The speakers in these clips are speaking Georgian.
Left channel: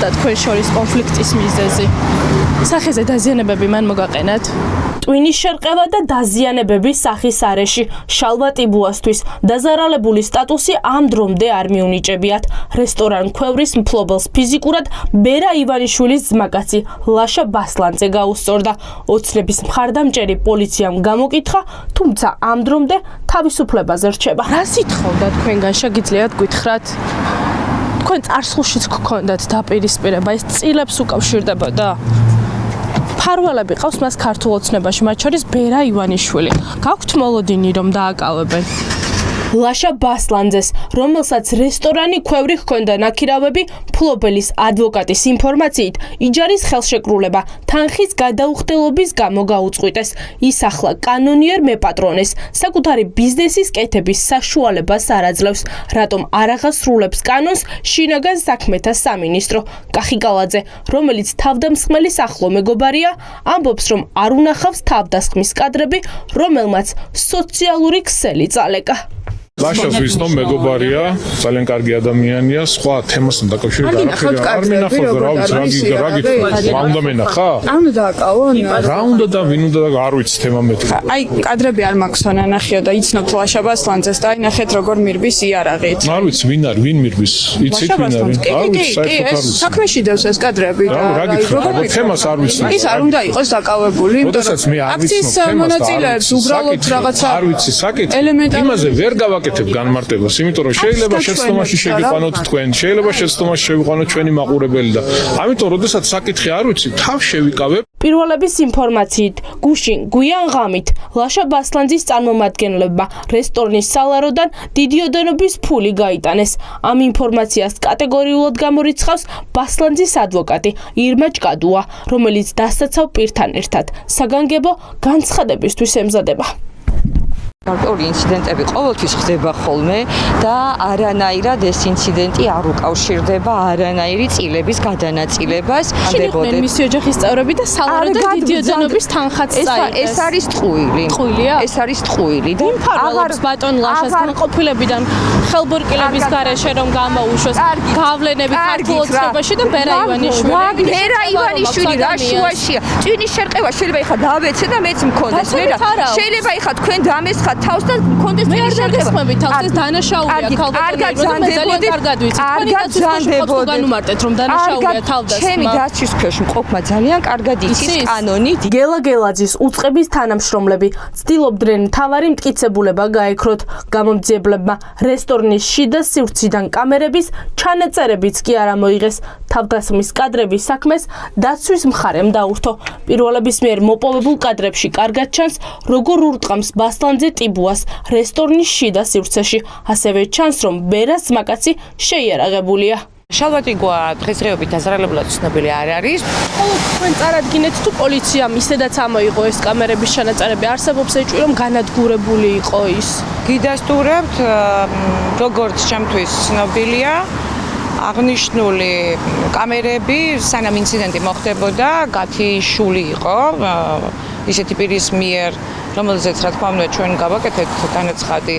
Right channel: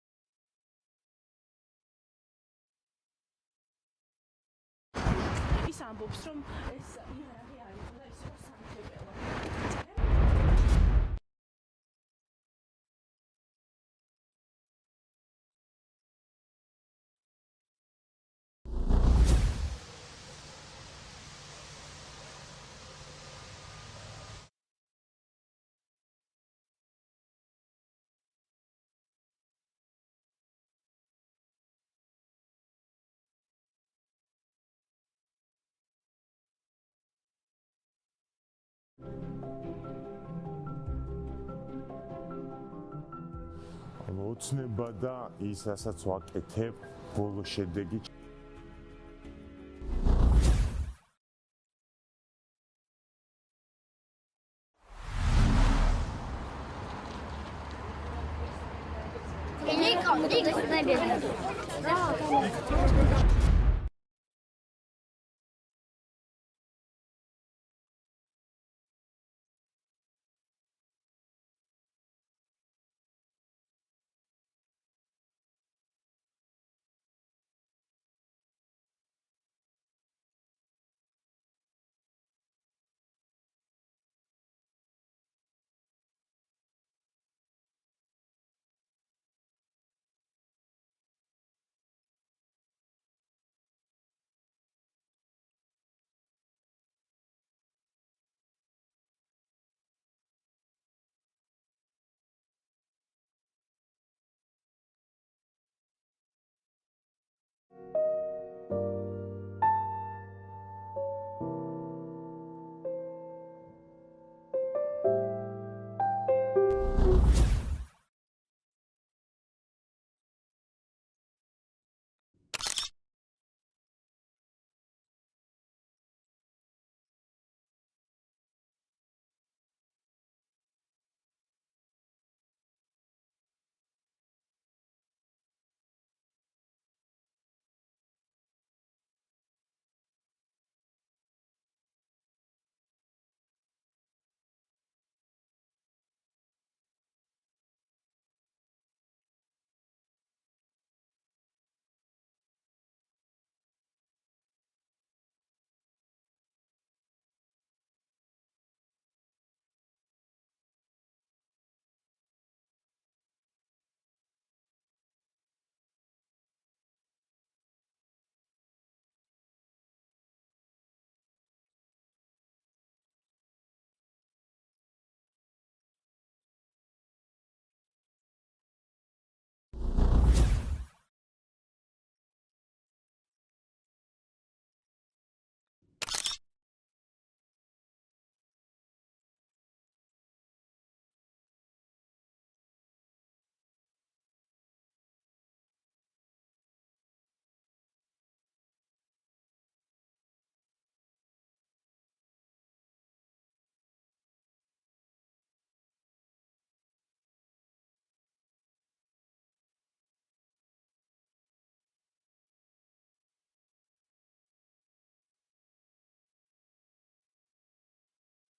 გახდა თქვენ შორის კონფლიქტის მიზეზი? სახეზე დაზიანებები მან მოგაყენათ? ტვინის შერყევა და დაზიანებები სახის არეში შალვა ტიბუასთვის დაზარალებული სტატუსი ამ დრომდე არ მიუნიჭებიათ. რესტორან ქვევრის მფლობელს ფიზიკურად ბერა ივანიშვილის ძმაკაცი ლაშა ბასლანძე გაუსწორდა. ოცნების მხარდამჭერი პოლიციამ გამოკითხა, თუმცა ამ დრომდე თავისუფლებაზე რჩება. რა სიტყვა თქვენგან შეგიძლიათ გითხრათ? თქვენ წარსულშიც გქონდათ დაპირისპირება, ეს წილებს უკავშირდებოდა? ფარვალები ყავს მას ქართულ ოცნებაში, მათ შორის ბერა ივანიშვილი. გაქვთ მოლოდინი რომ დააკავებენ? ლაშა ბასლანძეს, რომელსაც რესტორანი ქვევრი ჰქონდა ნაქირავები, მფლობელის ადვოკატის ინფორმაციით, იჯარის ხელშეკრულება თანხის გადაუხდელობის გამო გაუწყვიტეს. ის ახლა კანონიერ მეპატრონეს, საკუთარი ბიზნესის კეთების საშუალებას არ აძლევს. რატომ არ აღასრულებს კანონს შინაგან საქმეთა სამინისტრო? კახიკალაძე, რომელიც თავდამსხმელის ახლო მეგობარია, ამბობს, რომ არ უნახავს თავდასხმის კადრები, რომელმაც სოციალური ქსელი წალეკა. ლაშას ვიცნობ, მეგობარია, ძალიან კარგი ადამიანია, სხვა თემასთან დაკავშირებით არ მინახავ რა ვიცი, რა უნდა მენახა? არ უნდა დააკავონ? რა უნდა და ვინ უნდა და არ ვიცი თემა მეთქი. აი, კადრები არ მაქვს ანახიო და იცნობთ ლაშა ბასლანძეს და აი ნახეთ როგორ მირბის იარაღით. არ ვიცი ვინ არის, ვინ მირბის, იცით ვინ არის? არ ვიცი, საერთოდ არ ვიცი. საქმეში დევს ეს კადრები და რა გითხრა, თემას არ ვიცი. ის არ უნდა იყოს დაკავებული, როდესაც მე არ ვიცნობ თემას. მონაწილეებს უბრალოდ რაღაცა არ ვიცი, საკითხი. ელემენტარული იმაზე ვერ გავაკეთებ განმარტებას, იმიტომ რომ შეიძლება შეცდომაში შევიყვანოთ თქვენ, შეიძლება შეცდომაში შევიყვანოთ ჩვენი მაყურებელი და ამიტომ როდესაც საკითხი არ ვიცი, თავს შევიკავებ. პირველების ინფორმაციით, გუშინ გვიან ღამით ლაშა ბასლანძის წარმომადგენლებმა რესტორნის სალაროდან დიდი ოდენობის ფული გაიტანეს. ამ ინფორმაციას კატეგორიულად გამორიცხავს ბასლანძის ადვოკატი ირმა ჭკადუა, რომელიც დასაცავ პირთან ერთად საგანგებო განცხადებისთვის ემზადება. გარკვეული ინციდენტები ყოველთვის ხდება ხოლმე და არანაირად ეს ინციდენტი არ უკავშირდება არანაირი წილების გადანაწილებას. შეეხნენ მისი ოჯახის წევრები და სალაროდან დიდი ოდენობის თანხაც წაიღეს. ეს არის ტყუილი. ტყუილია? ეს არის ტყუილი და აღარ ბატონ ლაშას განყოფილებიდან ხელბორკილების გარეშე რომ გამოუშვეს გავლენები ქართულ ოცნებაში და ბერა ივანიშვილი. ბერა ივანიშვილი რა შუაშია? ტვინის შერყევა შეიძლება ეხა დავეცე და მეც მქონდეს. შეიძლება ეხა თქვენ დამესხა თავს და მქონდეს ტვინის შერყევა. თავს დანაშაულია ქალბატონებმა და მე ძალიან კარგად ვიცი. თქვენი განუმარტეთ რომ დანაშაულია თავდასხმა. ჩემი დაცვის ქვეშ მყოფმა ძალიან კარგად იცის კანონი. გელა გელაძის უწყების თანამშრომლები ცდილობდნენ მთავარი მტკიცებულება გაექროთ. გამომძიებლებმა რესტორნის შიდა სივრციდან კამერების ჩანაწერებიც კი არ ამოიღეს. თავდასხმის კადრების საქმეს დაცვის მხარემ დაურთო. პირველების მიერ მოპოვებულ კადრებში კარგად ჩანს, როგორ ურტყამს ბასლანძე ტიბუას რესტორნის შიდა სივრცეში. ასევე ჩანს, რომ ბერას ძმაკაცი შეიარაღებულია. შალვა ტიბუა დღესდღეობით დაზარალებლად ცნობილი არ არის. ხოლო თქვენ წარადგინეთ თუ პოლიციამ ისედაც ამოიღო ეს კამერების ჩანაწერები, არსებობს ეჭვი რომ განადგურებული იყო ის? გიდასტურებთ, როგორც ჩემთვის ცნობილია, აღნიშნული კამერები სანამ ინციდენტი მოხდებოდა, გათიშული იყო ისეთი პირის მიერ, რომელზეც რა თქმა უნდა ჩვენ გავაკეთეთ განაცხადი,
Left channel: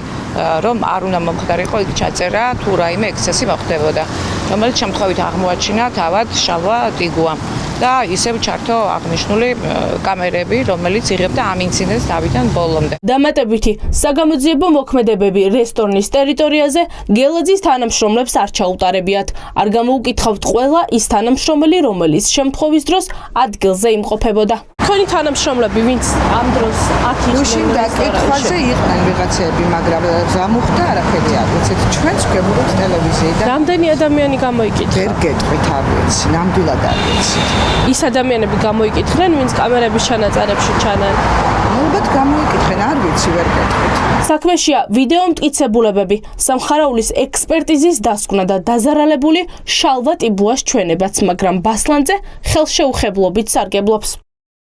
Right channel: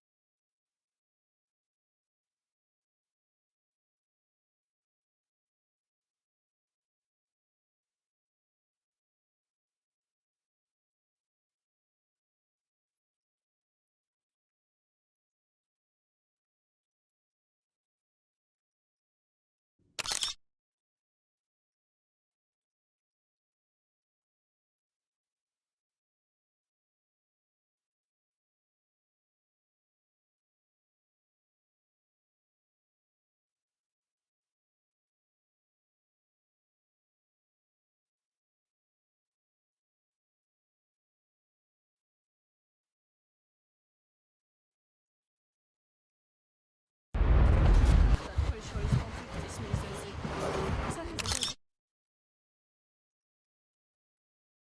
რომ არ უნდა მომხდარიყო იქ ჩაწერა თუ რაიმე ექსცესი მოხდებოდა, რომელიც შემთხვევით აღმოაჩინა თავად შალვა ტიბუამ და ისევ ჩართო აღნიშნული კამერები, რომელიც იღებდა ამ ინციდენტს თავიდან ბოლომდე. დამატებითი საგამოძიებო მოქმედებები რესტორნის ტერიტორიაზე გელაძის თანამშრომლებს არ ჩაუტარებიათ. არ გამოუკითხავთ ყველა ის თანამშრომელი, რომელიც შემთხვევის დროს ადგილზე იმყოფებოდა. თქვენი თანამშრომლები, ვინც ამ დროს აქ გუშინ დაკითხვაზე იყვნენ ვიღაცები, მაგრამ გამოხდა არაფერი არ ვიცით. ჩვენც გვებურებთ ტელევიზიიდან. რამდენი ადამიანი გამოიკითხა? ვერ გეტყვით, არ ვიცი, ნამდვილად არ ვიცი. ის ადამიანები გამოიკითხნენ, ვინც კამერების ჩანაწერებში ჩანან. ალბათ გამოიკითხენ, არ ვიცი, ვერ გეტყვით. საქმეშია ვიდეო მტკიცებულებები, სამხარაულის ექსპერტიზის დასკვნა და დაზარალებული შალვა ტიბუას ჩვენებაც, მაგრამ ბასლანძე ხელშეუხებლობით სარგებლობს.